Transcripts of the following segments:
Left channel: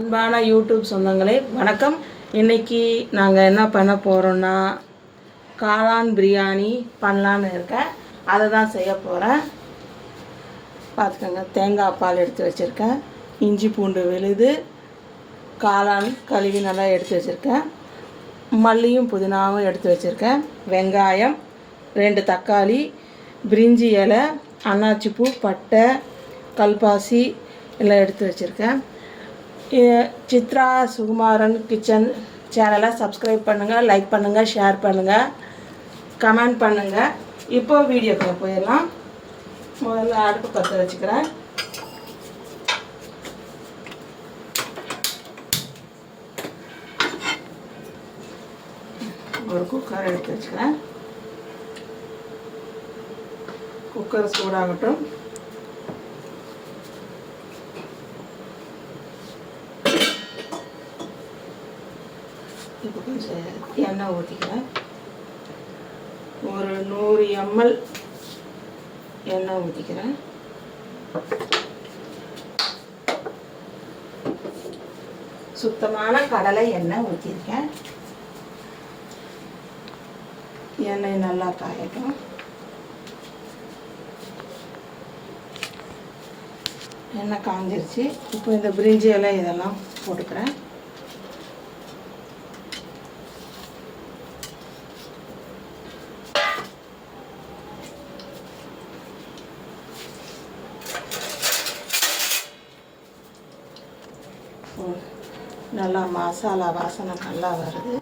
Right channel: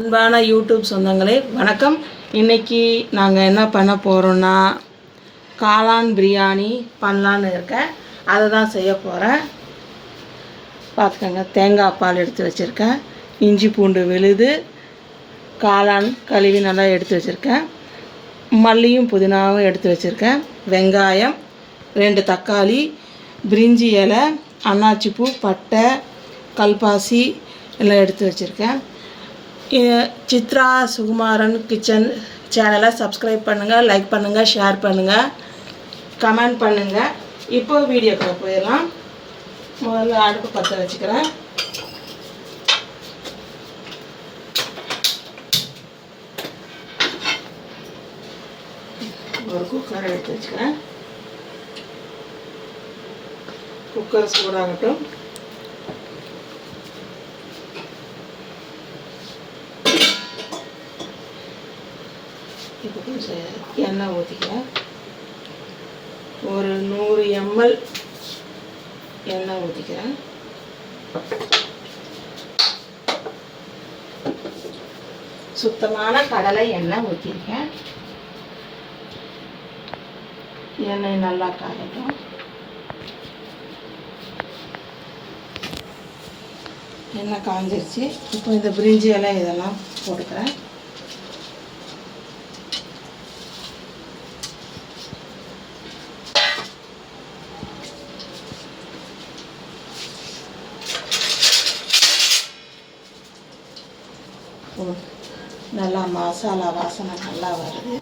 அன்பான யூடியூப் சொந்தங்களே வணக்கம். இன்றைக்கி நாங்கள் என்ன பண்ண போகிறோன்னா காளான் பிரியாணி பண்ணலான்னு இருக்கேன். அதை தான் செய்ய போகிறேன். பார்த்துக்கோங்க, தேங்காய் பால் எடுத்து வச்சுருக்கேன், இஞ்சி பூண்டு விழுது, காளான் கழுவி நல்லா எடுத்து வச்சுருக்கேன், மல்லியும் புதினாவும் எடுத்து வச்சுருக்கேன், வெங்காயம், 2 தக்காளி, பிரிஞ்சி இலை, அன்னாச்சிப்பூ, பட்டை, கல்பாசி எல்லாம் எடுத்து வச்சுருக்கேன். சித்ரா சுகுமாரன் கிச்சன் சேனலை சப்ஸ்கிரைப் பண்ணுங்கள், லைக் பண்ணுங்கள், ஷேர் பண்ணுங்கள், கமெண்ட் பண்ணுங்கள். இப்போ வீடியோக்குள்ள போயிடலாம். முதல்ல அடுப்பு பற்ற வச்சுக்கிறேன். ஒரு குக்கர் எடுத்து வச்சுக்கிறேன். குக்கர் சூடாகட்டும். இப்போ கொஞ்சம் எண்ணெய் ஊற்றிக்கிறேன். ஒரு 100 ml எண்ணெய் ஊற்றிக்கிறேன். சுத்தமான கடலை எண்ணெய் ஊற்றிருக்கேன். எண்ணெய் நல்லா காயட்டும். எண்ணெய் காஞ்சிருச்சு. இப்போ இந்த பிரிஞ்சி எல்லாம் இதெல்லாம் போட்டுக்கிறேன். நல்லா மசாலா வாசனை நல்லா வருது.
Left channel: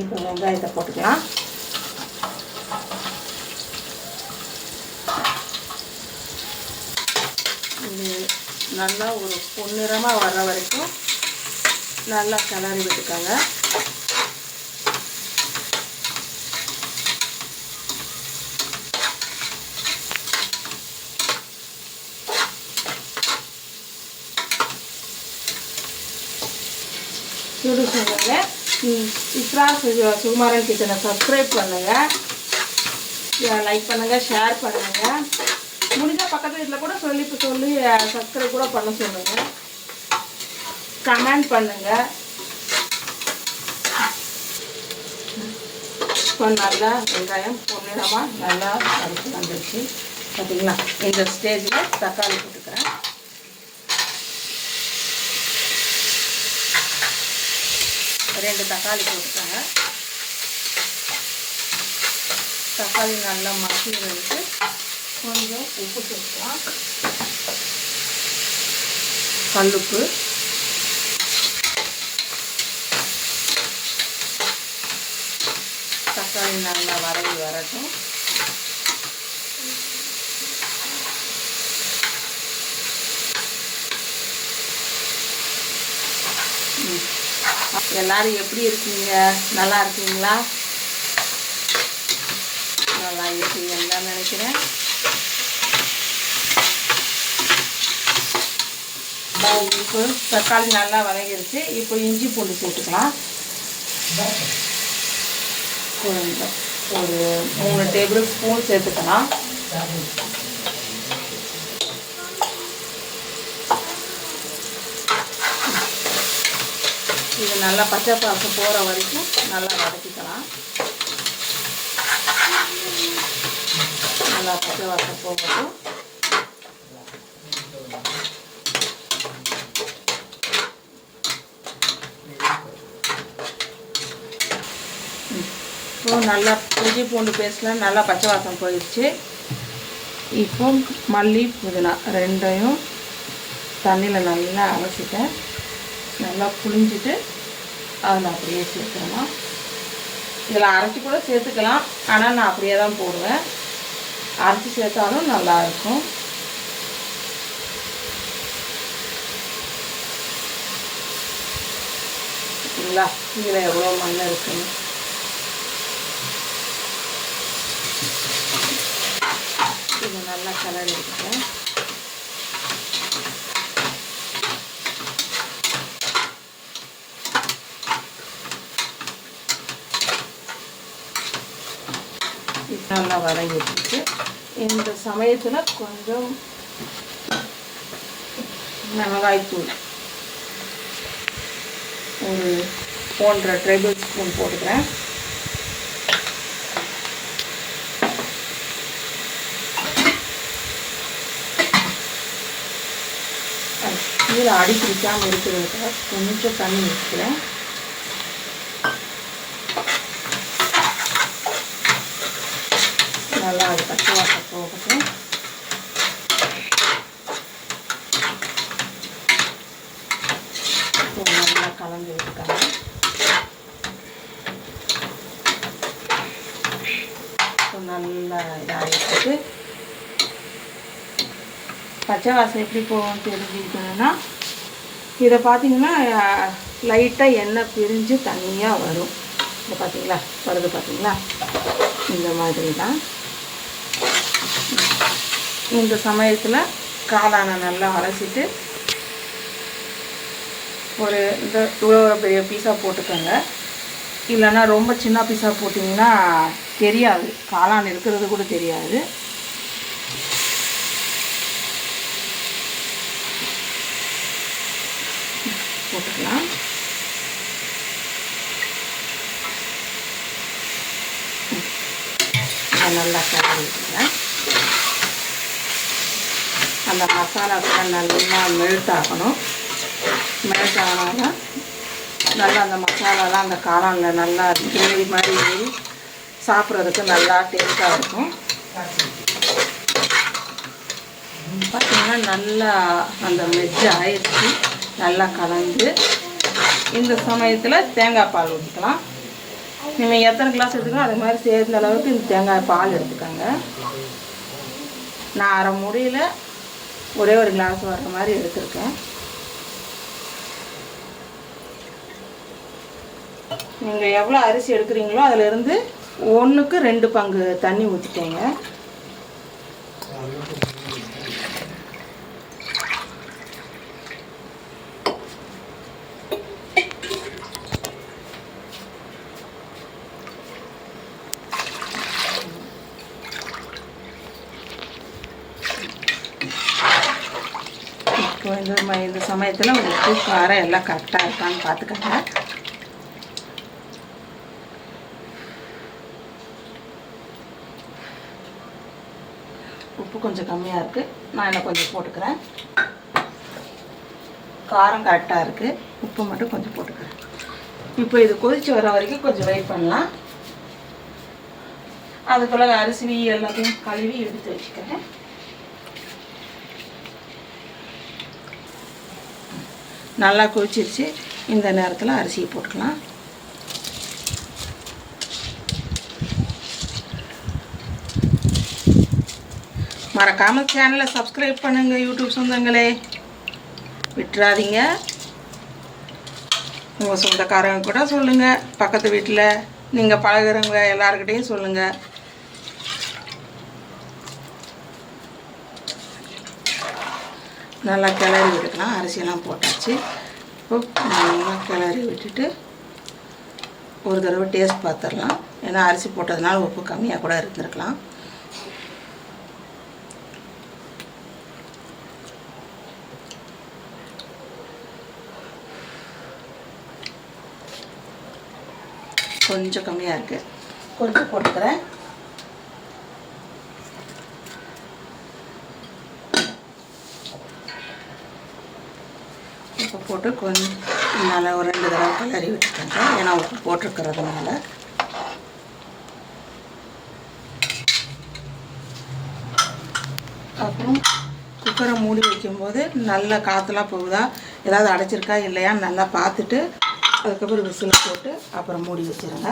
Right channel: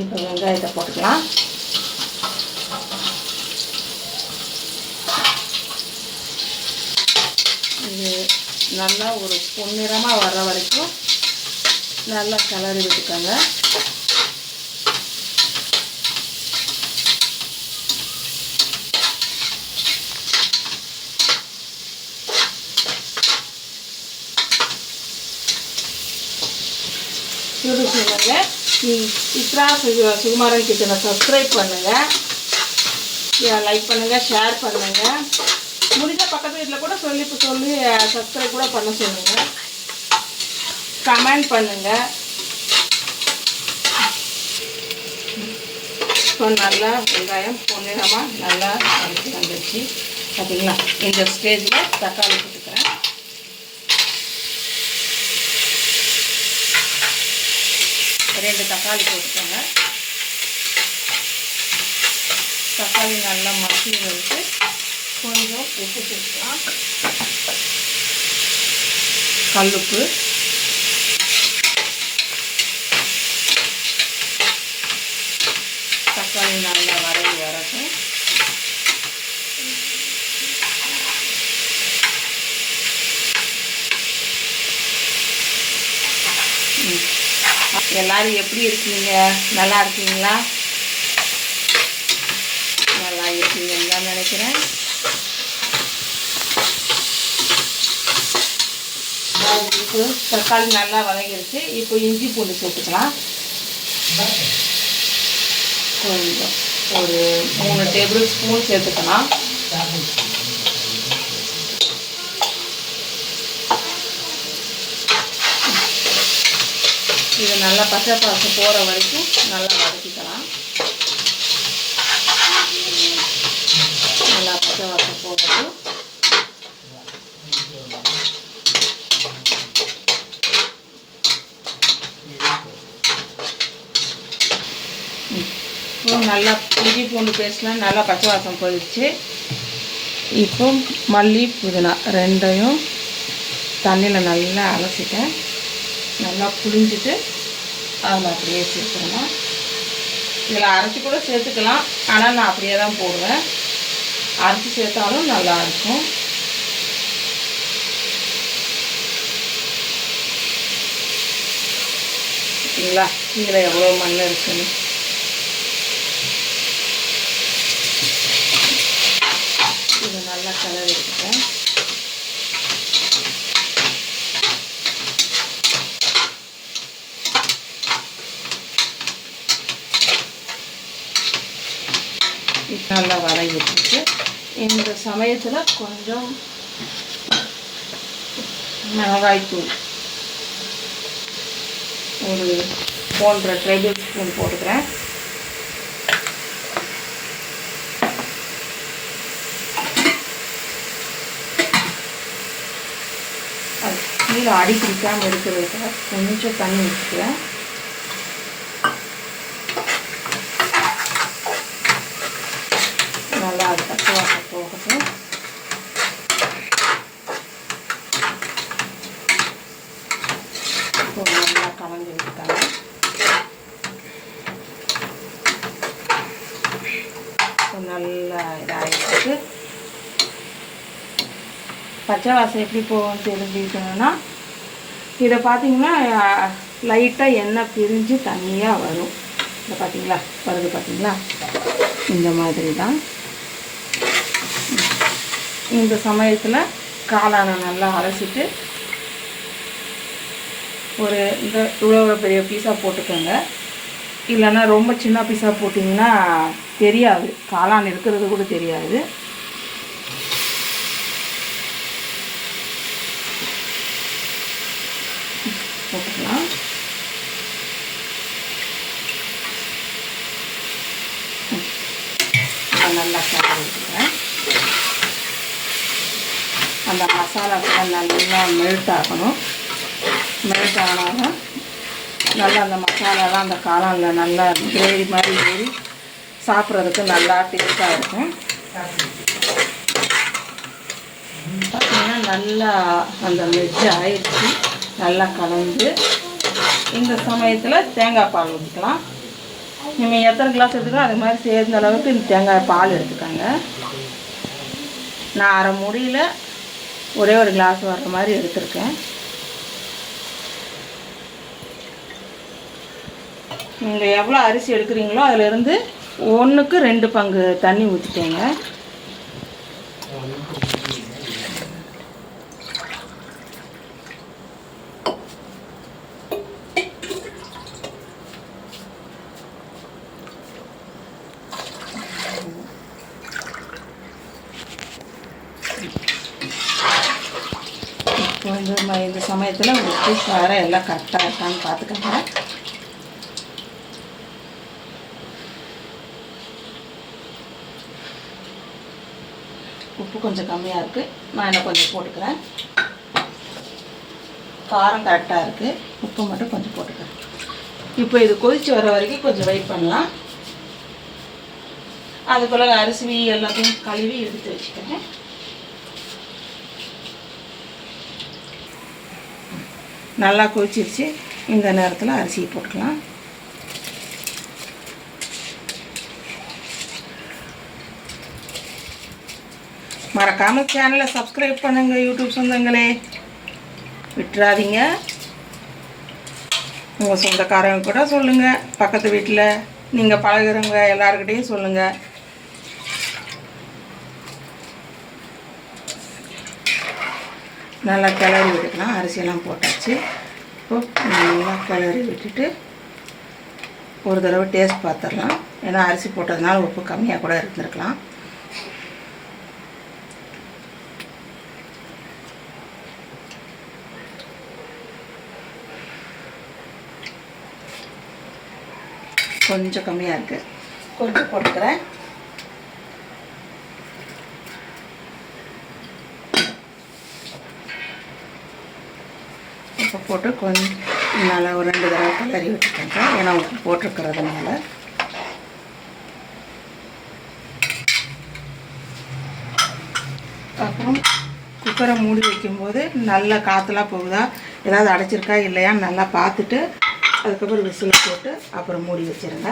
இப்போ வெங்காயத்தை போட்டுக்கலாம். இது நல்லா ஒரு பொன்னிறமாக வர்ற வரைக்கும் நல்லா கிளறி விட்டுக்கோங்க. சொல்லுங்க, சித்ரா சுகுமாரன் கிச்சனை சப்ஸ்கிரைப் பண்ணுங்கள், லைக் பண்ணுங்கள், ஷேர் பண்ணுங்கள். முடிஞ்ச பக்கத்து வீட்டில் கூட சொல்லி சப்ஸ்கிரைப் கூட பண்ண சொல்லுங்கள், கமெண்ட் பண்ணுங்கள். இப்போ நல்லா வெங்காயம் பொன்னிறமாக நல்லா அரைச்சி வந்துடுச்சு. பார்த்தீங்களா? இந்த ஸ்டேஜில் தக்காளி போட்டுக்கிறேன். ரெண்டு தக்காளி போட்டுக்கோங்க. தக்காளி நல்லா மசி வச்சு கொஞ்சம் உப்பு சேர்க்கலாம். கல்லுப்பு, தக்காளி நல்லா வதங்கி வரட்டும். எல்லாரும் எப்படி இருக்கீங்க? நல்லா இருக்கீங்களா? நல்லா இருக்கீங்கன்னு தான் நினைக்கிறேன். இப்போ தக்காளி நல்லா வதங்கிருச்சு. இப்போ இஞ்சி பூண்டு சேர்த்துக்கலாம். கொஞ்சம் ஒரு 3 டேபிள் ஸ்பூன் சேர்த்துக்கலாம். இது நல்லா பச்சை வாசம் போகிற வரைக்கும் நல்லா வதக்கிக்கலாம். நல்லா பச்சை வாசம் போகட்டும். இப்போ நல்லா இஞ்சி பூண்டு பேஸ்ட்லாம் நல்லா பச்சை வாசம் போயிடுச்சு. இப்போ மல்லி புதினா ரெண்டையும் தண்ணியில் நல்லா அலசிட்டேன். நல்லா புளிஞ்சிட்டு அதில் அப்படியே சேர்த்துக்கலாம். இதில் அரைச்சி கூட சேர்த்துக்கலாம், ஆனால் நான் அப்படியே தான் போடுவேன். அரைச்சி சேர்த்தாலும் நல்லாயிருக்கும். சரிங்களா? இதில் எவ்வளோ மண் இருக்குன்னு இதை நல்லா கிளறி எடுத்துக்கிறேன். இப்போ நல்லா வதங்கிட்டு இந்த சமயத்தில் கொஞ்சம் மிளகாய்த்தூள் ஒரு 1.5 டேபிள் ஸ்பூன் போட்டுக்கிறேன். கீழே அடி பிடிக்காமல் இருக்கிறதுக்கு கொஞ்சம் தண்ணி ஊற்றிக்கிறேன். நல்லா அது பச்சை போகட்டும். நல்லா கலந்து விட்டுட்டாங்க. நல்லா இதாகிட்டு பச்சை வாசம் எப்படி போகும்னு தெரிஞ்சுக்கணும்னா இதை பார்த்தீங்கன்னா லைட்டாக எண்ணெய் பிரிஞ்சு தண்ணியாக வரும். இதை பார்த்தீங்களா வருது பார்த்தீங்களா, இந்த மாதிரி தான். இந்த சமயத்தில் காளானை நல்லா அரைச்சிட்டு ஒரு இந்த இவ்வளோ பெரிய பீஸாக போட்டுக்கோங்க. இல்லைன்னா ரொம்ப சின்ன பீஸாக போட்டிங்கன்னா தெரியாது, காளான் இருக்கிறது கூட தெரியாது. போட்டுக்கலாம். நல்லா கலந்துக்கிறேன். அந்த மசாலாக்கெல்லாம் நல்லா மெல்ட் ஆகணும். மெல்ட் ஆனாலும் நல்லா அந்த மசாலாலாம் அந்த காளானில் நல்லா கிரேவி மாதிரி ஏறி சாப்பிட்றதுக்கு நல்லா டேஸ்ட்டாக இருக்கும். பார்த்திங்கன்னா நல்லா அந்த மெஜ் ஆயிடுச்சு. நல்லா கலந்து இந்த சமயத்தில் தேங்காய் பால் ஊற்றிக்கலாம். நீங்கள் எத்தனை கிளாஸ் ஊற்றிக்கலாம் அது மாதிரி சேர்ந்த அளவுக்கு இந்த தேங்காய் பால் எடுத்துக்கோங்க. நான் அரை மூடியில் ஒரே ஒரு கிளாஸ் வர்ற மாதிரி எடுத்துருக்கேன். நீங்கள் எவ்வளோ அரிசி எடுக்கிறீங்களோ அதிலிருந்து 1க்கு 2 பங்கு தண்ணி ஊற்றிக்கோங்க. இப்போ இந்த சமயத்தில் உப்பு காரம் எல்லாம் கரெக்டாக இருக்கான்னு பார்த்துக்கோங்க. உப்பு கொஞ்சம் கம்மியாக இருக்குது, நான் என்ன கொஞ்சம் போட்டுக்கிறேன். காரம் கரெக்டாக இருக்குது, உப்பு மட்டும் கொஞ்சம் போட்டுக்கிறேன். இப்போ இது கொதித்து வர வரைக்கும் கொஞ்சம் வெயிட் பண்ணலாம். அதுக்குள்ள அரிசி எல்லாத்தையும் கழுவி எடுத்து வச்சுக்கிறேன். நல்லா கொதிச்சிருச்சு. இந்த நேரத்தில் அரிசியை போட்டுக்கலாம். மறக்காமல் சேனலை சப்ஸ்கிரைப் பண்ணுங்கள் யூடியூப் சொந்தங்களே, விட்டுறாதீங்க. உங்கள் சொந்தக்காரங்க கூட சொல்லுங்கள், பக்கத்து வீட்டில் நீங்கள் பழகுறவங்க எல்லாருக்கிட்டையும் சொல்லுங்கள். நல்லா கிளறி விட்டுக்கலாம். அரிசியெல்லாம் போட்டாச்சு. இப்போ நல்லா கிளறி விட்டுட்டு ஒரு தடவை டேஸ்ட் பார்த்துடலாம். ஏன்னா அரிசி போட்டதுனால உப்பு கம்மியாக கூட இருந்திருக்கலாம். கொஞ்சம் கம்மியாக இருக்குது, கொஞ்சம் போட்டுக்கிறேன். இப்போ போட்டு கொஞ்சம் நல்லா ஒரு 2 தடவை கிளறி விட்டுக்கோங்க. ஏன்னா உப்பு போட்டிருக்கிறதுனால. அப்புறம் குக்கரை மூடி வைக்கும்போது நல்லா காற்றுலாம் போகுதா, ஏதாவது அடைச்சிருக்கா இல்லையா நல்லா பார்த்துட்டு அதுக்கப்புறம் விசில் போட்டு அப்புறம் மூடி வச்சுருங்க.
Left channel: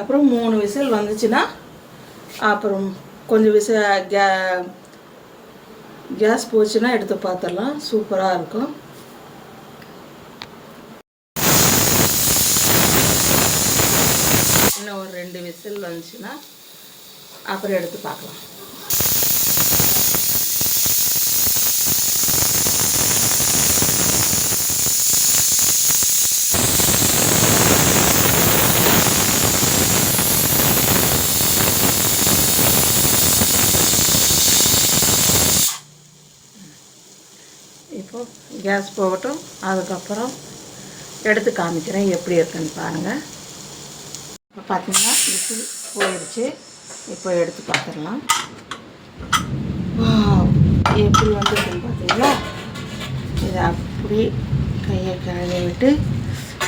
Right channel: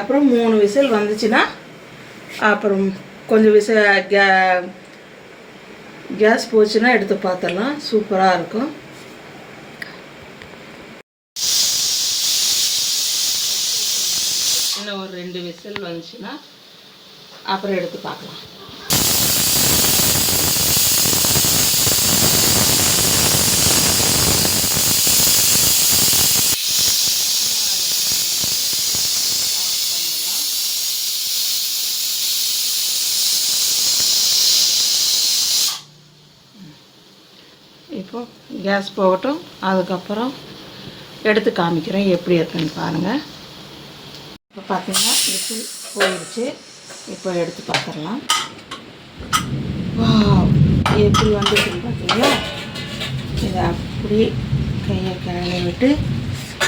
அப்புறம் 3 விசில் வந்துச்சுன்னா அப்புறம் கொஞ்சம் கேஸ் போச்சுன்னா எடுத்து பார்த்துடலாம். சூப்பராக இருக்கும். இன்னும் ஒரு 2 விசில் வந்துச்சுன்னா அப்புறம் எடுத்து பார்க்கலாம். கேஸ் போகட்டும். அதுக்கப்புறம் எடுத்து காமிக்கிறேன் எப்படி இருக்குன்னு பாருங்கள். இப்போ பார்த்தீங்கன்னா விசில் போயிடுச்சு. இப்போ எடுத்து பார்த்துடலாம். எப்படி வந்துருக்குன்னு பார்த்தீங்களா? இதை அப்படி கையை கிளறிட்டு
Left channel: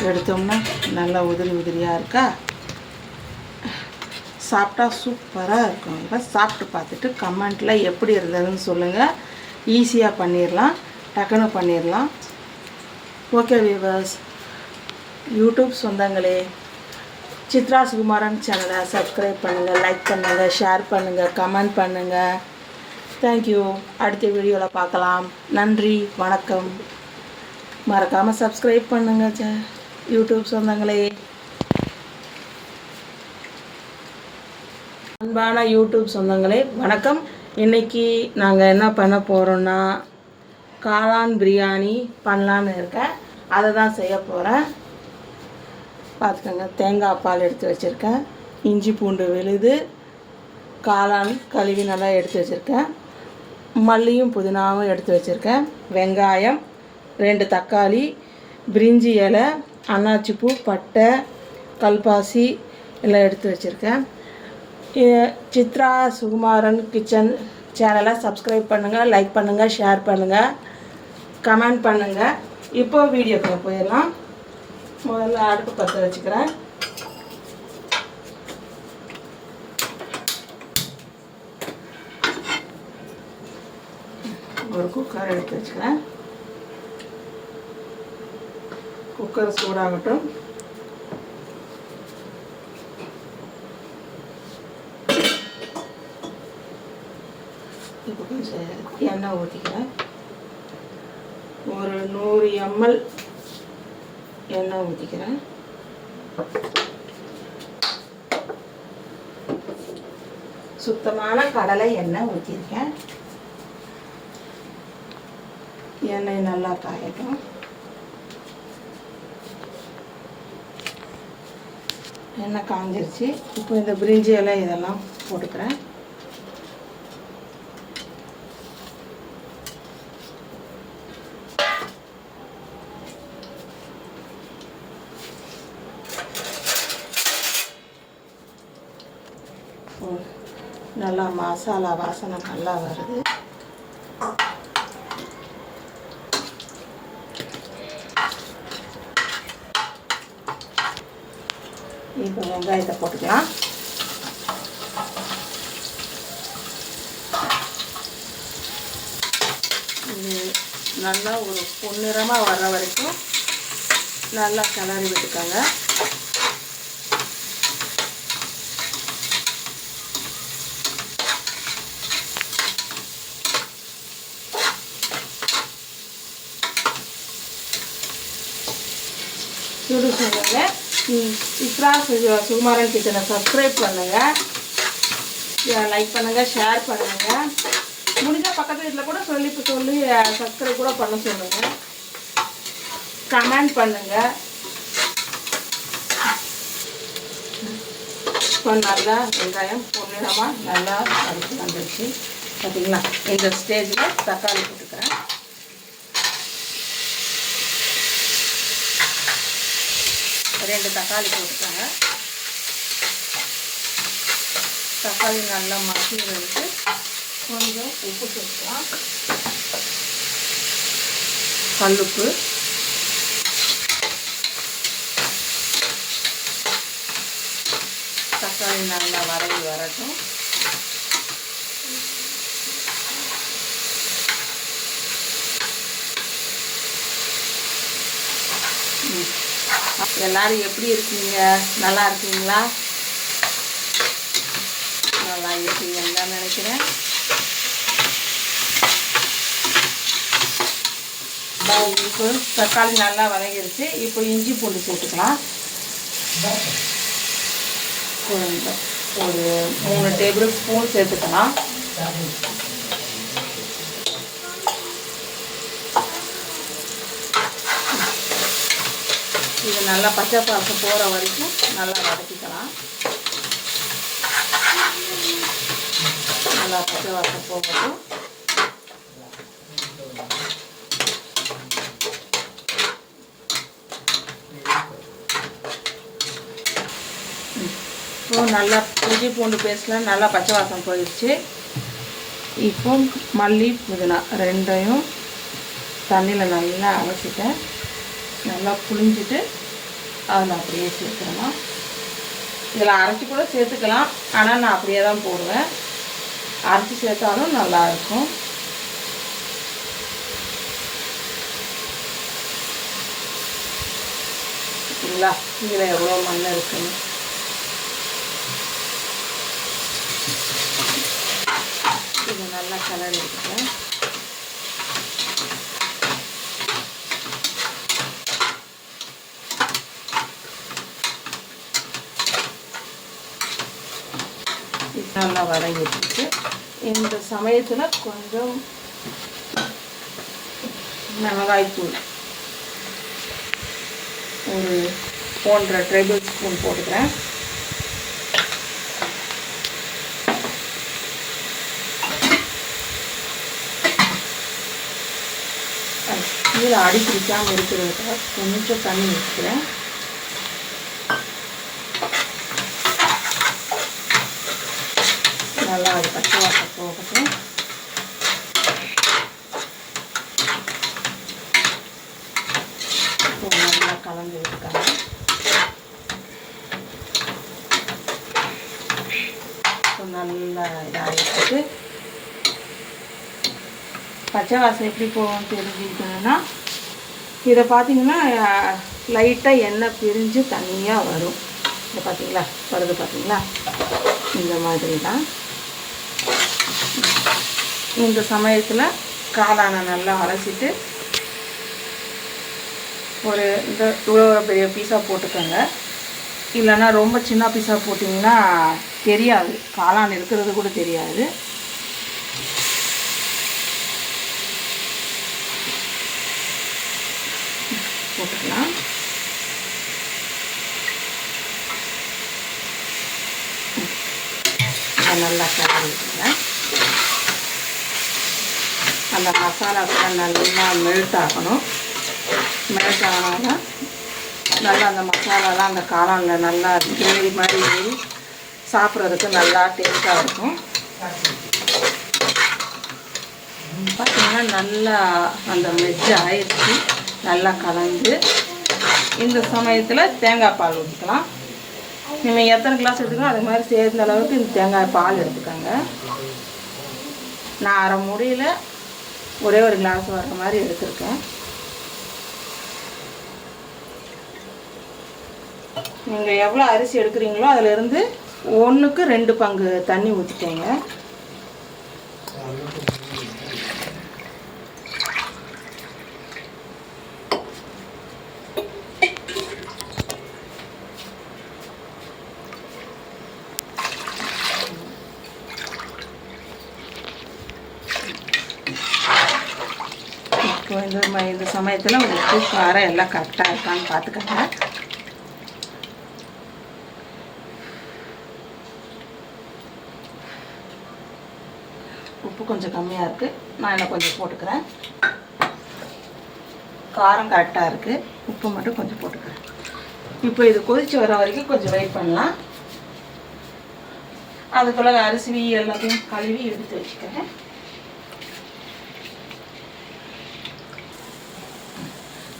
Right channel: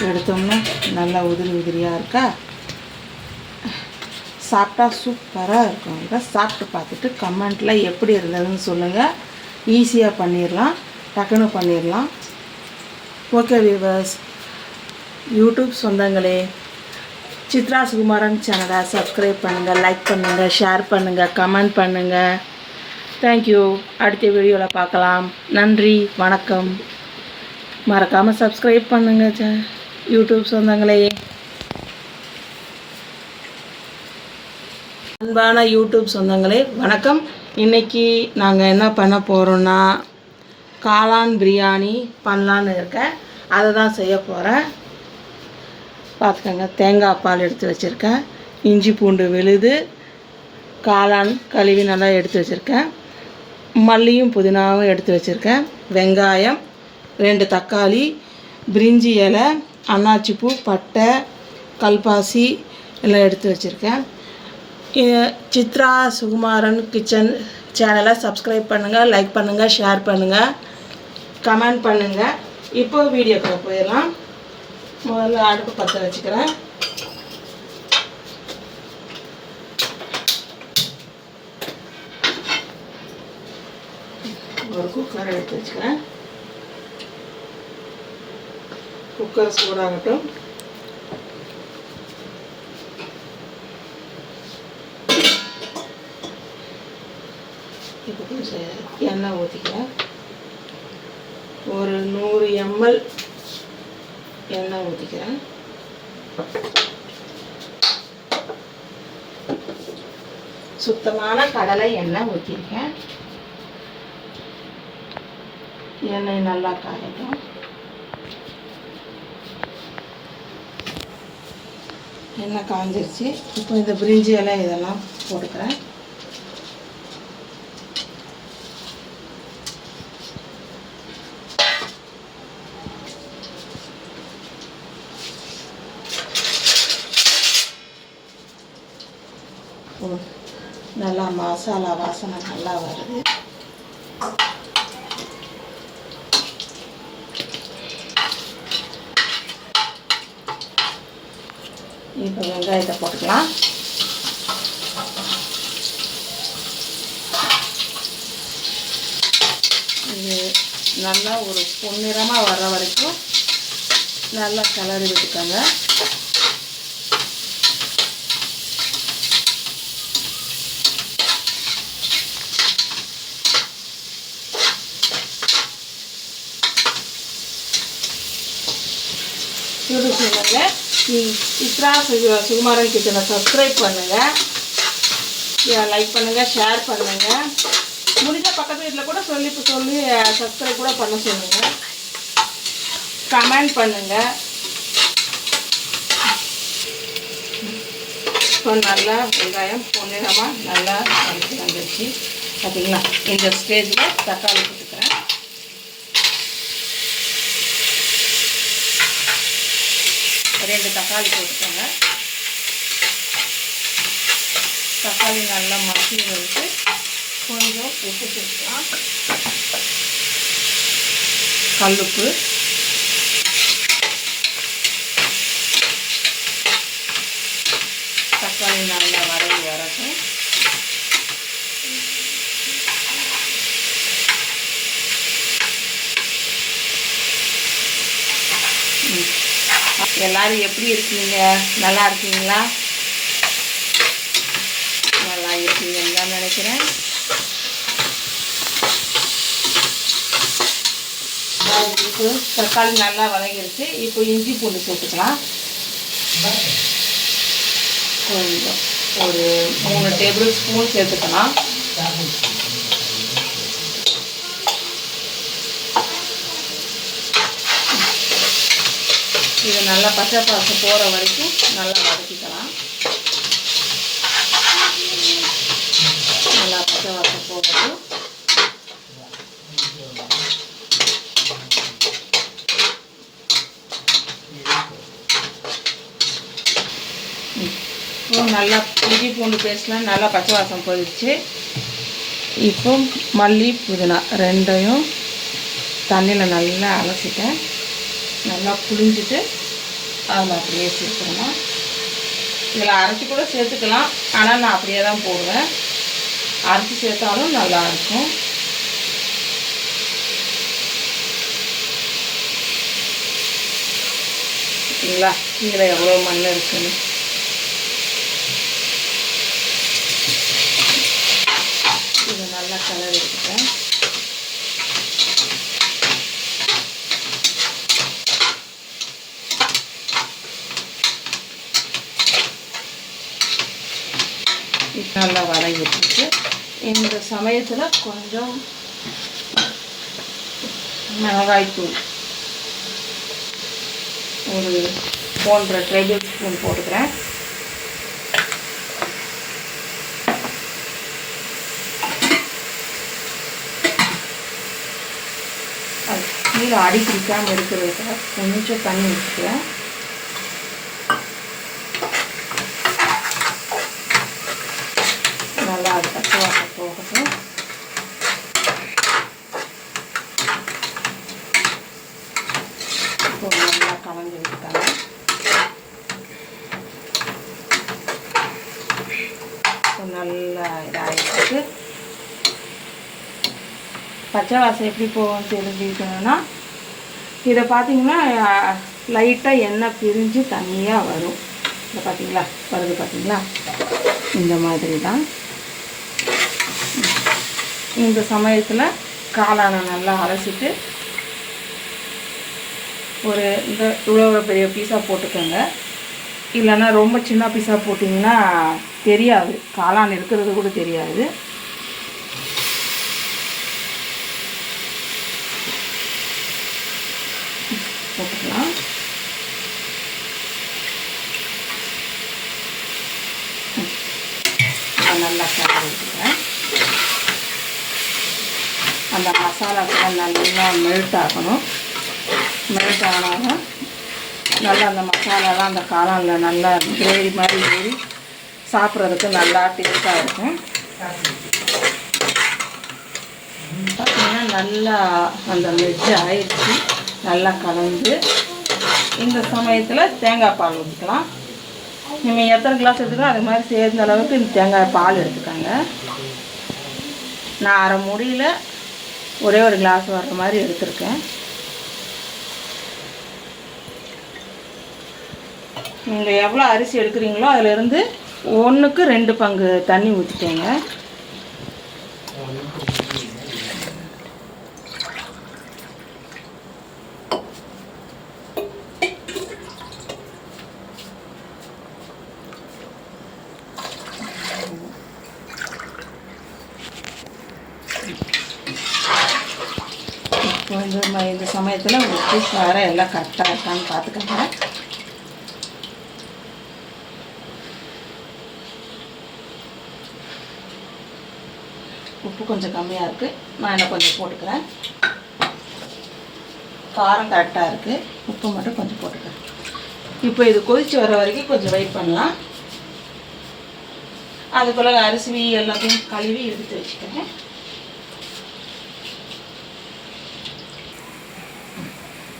எடுத்தோம்னா நல்லா உதிரி உதிரியாக இருக்கா. சாப்பிட்டா சூப்பராக இருக்கும். இதை சாப்பிட்டு பார்த்துட்டு கமெண்ட்டில் எப்படி இருந்ததுன்னு சொல்லுங்கள். ஈஸியாக பண்ணிடலாம், டக்குன்னு பண்ணிடலாம். ஓகே வியூவர்ஸ், யூடியூப் சொந்தங்களே, சித்ரா சுகுமாரன் சேனலை சப்ஸ்கிரைப் பண்ணுங்கள், லைக் பண்ணுங்கள், ஷேர் பண்ணுங்கள், கமெண்ட் பண்ணுங்கள். தேங்க்யூ. அடுத்த வீடியோவில் பார்க்கலாம். நன்றி, வணக்கம். மறக்காமல் சப்ஸ்கிரைப் பண்ணுங்கள் யூடியூப் சொந்தங்களே. அன்பான யூடியூப் சொந்தங்களே வணக்கம். இன்றைக்கி நாங்கள் என்ன பண்ண போகிறோன்னா காளான் பிரியாணி பண்ணலான்னு இருக்கேன். அதை தான் செய்ய போகிறேன். பார்த்துக்கோங்க, தேங்காய் பால் எடுத்து வச்சுருக்கேன், இஞ்சி பூண்டு விழுது, காளான் கழுவி நல்லா எடுத்து வச்சுருக்கேன், மல்லியும் புதினாவும் எடுத்து வச்சுருக்கேன், வெங்காயம், 2 தக்காளி, பிரிஞ்சி இலை, அன்னாச்சிப்பூ, பட்டை, கல்பாசி எல்லாம் எடுத்து வச்சுருக்கேன். சித்ரா சுகுமாரன் கிச்சன் சேனலை சப்ஸ்கிரைப் பண்ணுங்கள், லைக் பண்ணுங்கள், ஷேர் பண்ணுங்கள், கமெண்ட் பண்ணுங்கள். இப்போ வீடியோக்குள்ள போயிடலாம். முதல்ல அடுப்பு பற்ற வச்சுக்கிறேன். ஒரு குக்கர் எடுத்து வச்சுக்கிறேன். குக்கர் சூடாகட்டும். இப்போ கொஞ்சம் எண்ணெய் ஊற்றிக்கிறேன். ஒரு 100 ml எண்ணெய் ஊற்றிக்கிறேன். சுத்தமான கடலை எண்ணெய் ஊற்றிருக்கேன். எண்ணெய் நல்லா காயட்டும். எண்ணெய் காஞ்சிருச்சு. இப்போ இந்த பிரிஞ்சி எல்லாம் இதெல்லாம் போட்டுக்கிறேன். நல்லா மசாலா வாசனை நல்லா வருது. இப்போ வெங்காயத்தை போட்டுக்கலாம். இது நல்லா ஒரு பொன்னிறமாக வர்ற வரைக்கும் நல்லா கிளறி விட்டுக்கோங்க. யூடியூப் சேனலில் சித்ரா சுகுமாரன் கிச்சனை சப்ஸ்கிரைப் பண்ணுங்கள், லைக் பண்ணுங்கள், ஷேர் பண்ணுங்கள். முடிஞ்ச பக்கத்து வீட்டில் கூட சொல்லி சப்ஸ்கிரைப் கூட பண்ண சொல்லுங்கள், கமெண்ட் பண்ணுங்கள். இப்போ நல்லா வெங்காயம் பொன்னிறமாக நல்லா வதக்கி வந்துடுச்சு. பார்த்தீங்களா? இந்த ஸ்டேஜில் தக்காளி போட்டுக்கிறேன். ரெண்டு தக்காளி போட்டுக்கோங்க. தக்காளி நல்லா மசி வந்து கொஞ்சம் உப்பு சேர்க்கலாம். கல்லுப்பு, தக்காளி நல்லா வதங்கி வரட்டும். எல்லாரும் எப்படி இருக்கீங்க? நல்லா இருக்கீங்களா? நல்லா இருக்கீங்கன்னு தான் நினைக்கிறேன். இப்போ தக்காளி நல்லா வதங்கிருச்சு. இப்போ இஞ்சி பூண்டு போட்டுக்கலாம். கொஞ்சம் ஒரு 3 டேபிள் ஸ்பூன் சேர்த்துக்கலாம். இது நல்லா பச்சை பாசம் போகிற வரைக்கும் நல்லா வதக்கிக்கலாம். நல்லா பச்சை வாசம் போகட்டும். இப்போ நல்லா இஞ்சி பூண்டு பேஸ்ட்லாம் நல்லா பச்சை வாசம் போயிடுச்சு. இப்போ மல்லி புதினா ரெண்டையும் தண்ணியில் நல்லா அலசிட்டேன். நல்லா புளிஞ்சிட்டு அதில் அப்படியே சேர்த்துக்கலாம். இதில் அரைச்சி கூட சேர்த்துக்கலாம், ஆனால் நான் அப்படியே தான் போடுவேன். அரைச்சி சேர்த்தாலும் நல்லாயிருக்கும். ஓகேங்களா? இதில் எவ்வளோ மண் இருக்குன்னு இது நல்லா கலர் எடுத்துட்டேன். நல்லா வதங்கிட்டு இந்த சமயத்தில் கொஞ்சம் மிளகாய்த்தூள் ஒரு 1.5 டேபிள் ஸ்பூன் போட்டுக்கிறேன். கீழே அடி பிடிக்காமல் இருக்கிறத கொஞ்சம் தண்ணி ஊற்றிக்கிறேன். நல்லா அது பச்சை வாசம் போகட்டும். இப்போ நல்லா கலந்து விட்டுட்டாங்க. நல்லா இதாகிட்டு பச்சை வாசம் எப்படி போகும்னு தெரிஞ்சுக்கணுன்னா இதை பார்த்தீங்கன்னா லைட்டாக எண்ணெய் பிரிஞ்சு தண்ணியாக வரும். இதை பார்த்தீங்களா வருது, பார்த்தீங்களா? இந்த மாதிரி தான். இந்த சமயத்தில் காளானை நல்லா அலசிட்டு ஒரு இந்த இவ்வளோ பெரிய பீஸாக போட்டுக்கோங்க. இல்லைன்னா ரொம்ப சின்ன பீஸாக போட்டிங்கன்னா தெரியாது, காளான் இருக்கிறது கூட தெரியாது. போட்டுக்கலாம். நல்லா கலந்துக்கிறேன். அந்த மசாலாக்கெல்லாம் நல்லா மெல்ட் ஆகணும். மெல்ட் ஆனால் நல்லா அந்த மசாலாலாம் அந்த காளானில் நல்லா கிரேவி மாதிரி ஏறி சாப்பிட்றதுக்கு நல்லா டேஸ்ட்டாக இருக்கும். பார்த்திங்கன்னா நல்லா அந்த மெஜ்ஜு ஆயிடுச்சு. நல்லா கலந்து இந்த சமயத்தில் தேங்காய் பால் ஊற்றிக்கலாம். நீங்கள் எத்தனை கிளாஸ் வச்சுக்கலாம் அது மாதிரி சேர்ந்த அளவுக்கு இந்த தேங்காய் பால் எடுத்துக்கோங்க. நான் அரை மூடியில் ஒரே ஒரு கிளாஸ் வர்ற மாதிரி எடுத்துருக்கேன். நீங்கள் எவ்வளோ அரிசி எடுக்கிறீங்களோ அதிலேருந்து 1க்கு 2 பங்கு தண்ணி ஊற்றிக்கோங்க. இப்போ இந்த சமயத்தில் உப்பு காரம் எல்லாம் கரெக்டாக இருக்கான்னு பார்த்துக்கோங்க. உப்பு கொஞ்சம் கம்மியாக இருக்குது, நான் என்ன கொஞ்சம் போட்டுக்கிறேன். காரம் கரெக்டாக இருக்குது, உப்பு மட்டும் கொஞ்சம் போட்டுக்கிறேன். இப்போ இது கொதித்து வர வரைக்கும் கொஞ்சம் வெயிட் பண்ணலாம். அதுக்குள்ள அரிசி எல்லாத்தையும் கழுவி எடுத்து வச்சுக்கிறேன்.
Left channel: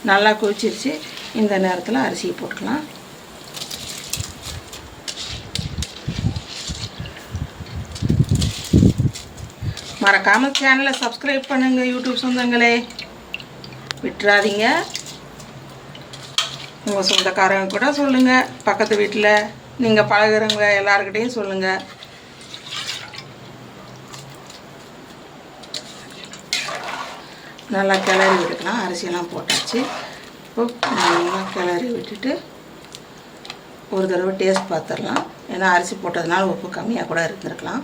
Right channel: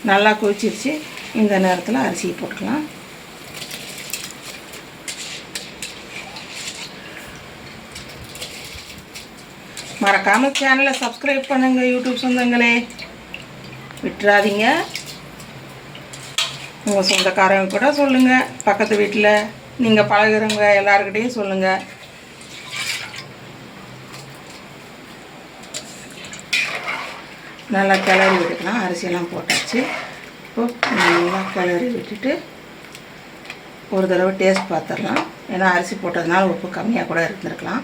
நல்லா கொதிச்சிருச்சு. இந்த நேரத்தில் அரிசியை போட்டுக்கலாம். மறக்காமல் சேனலை சப்ஸ்கிரைப் பண்ணுங்கள் யூடியூப் சொந்தங்களே, விட்டுறாதீங்க. உங்கள் சொந்தக்காரங்க கூட சொல்லுங்கள், பக்கத்து வீட்டில் நீங்கள் பழகுறவங்க எல்லாருக்கிட்டையும் சொல்லுங்கள். நல்லா கிளறி விட்டுக்கலாம். அரிசியெல்லாம் போட்டாச்சு. இப்போ நல்லா கிளறி விட்டுட்டு ஒரு தடவை டேஸ்ட் பார்த்துடலாம். ஏன்னா அரிசி போட்டதுனால உப்பு கம்மியாக கூட இருந்திருக்கலாம்.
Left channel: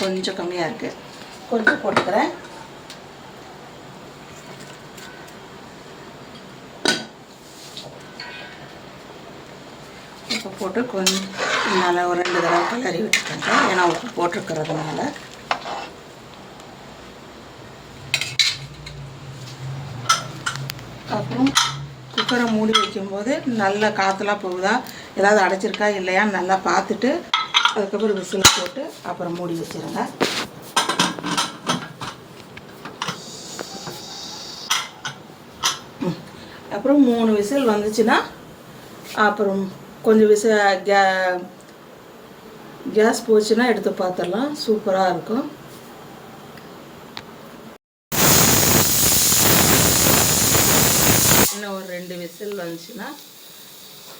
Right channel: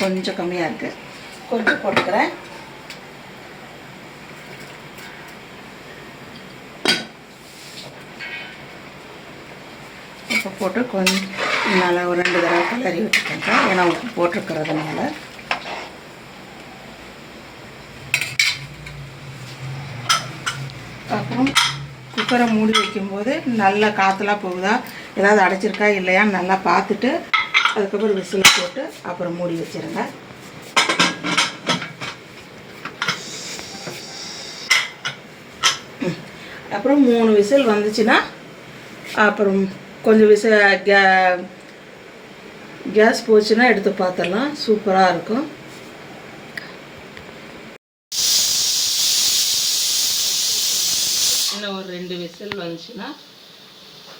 கொஞ்சம் கம்மியாக இருக்குது, கொஞ்சம் போட்டுக்கிறேன். இப்போ போட்டு கொஞ்சம் நல்லா ஒரு 2 தடவை கிளறி விட்டுக்கோங்க. ஏன்னா உப்பு போட்டிருக்கிறதுனால. அப்புறம் குக்கரை மூடி வைக்கும்போது நல்லா காற்றுலாம் போகுதா, ஏதாவது அடைச்சிருக்கா இல்லையான்னு நல்லா பார்த்துட்டு அதுக்கப்புறம் விசில் போட்டு அப்புறம் மூடி வச்சுருங்க. அப்புறம் 3 விசில் வந்துச்சுன்னா அப்புறம் கொஞ்சம் கேஸ் போச்சுன்னா எடுத்து பார்த்துடலாம். சூப்பராக இருக்கும். இன்னும் ஒரு 2 விசில் வந்துச்சுன்னா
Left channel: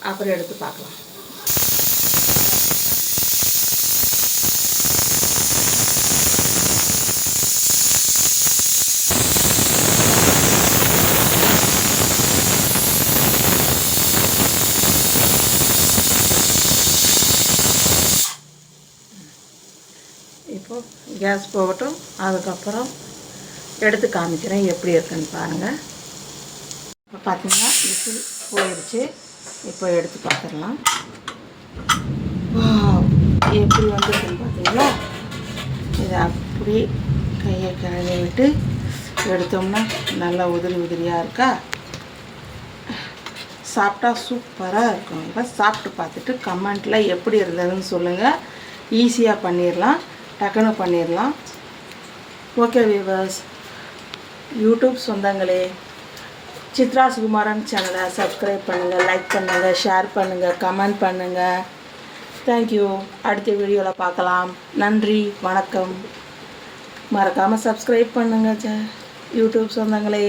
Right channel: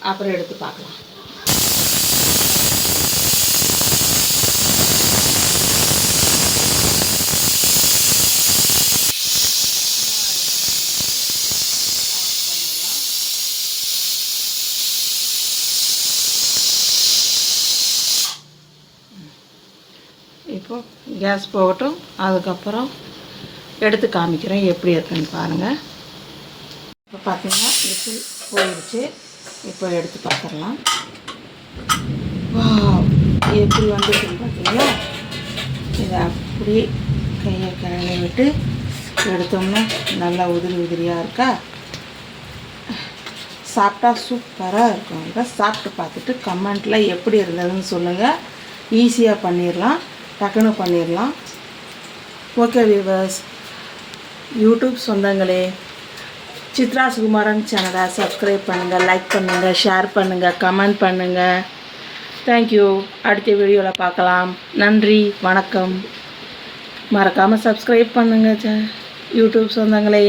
அப்புறம் எடுத்து பார்க்கலாம். இப்போ கேஸ் போகட்டும். அதுக்கப்புறம் எடுத்து காமிக்கிறேன் எப்படி இருக்குன்னு பாருங்கள். இப்போ பார்த்தீங்கன்னா விசில் போயிடுச்சு. இப்போ எடுத்து பார்த்துடலாம். எப்படி வந்துருக்குன்னு பார்த்தீங்களா? இதை அப்படி கையை கிளறிட்டு எடுத்தோம்னா நல்லா உதிரியாக இருக்கா? சாப்பிட்டா சூப்பராக இருக்கும். இப்போ சாப்பிட்டு பார்த்துட்டு கமெண்ட்டில் எப்படி இருந்ததுன்னு சொல்லுங்கள். ஈஸியாக பண்ணிடலாம், டக்குன்னு பண்ணிடலாம். ஓகே வியூவர்ஸ், யூடியூப் சொந்தங்களே, சித்ரா சுகுமாரன் சேனலை சப்ஸ்கிரைப் பண்ணுங்கள், லைக் பண்ணுங்கள், ஷேர் பண்ணுங்கள், கமெண்ட் பண்ணுங்கள். தேங்க்யூ. அடுத்த வீடியோவில் பார்க்கலாம். நன்றி, வணக்கம். மறக்காமல் சப்ஸ்கிரைப் பண்ணுங்கள் யூடியூப் சொந்தங்களே.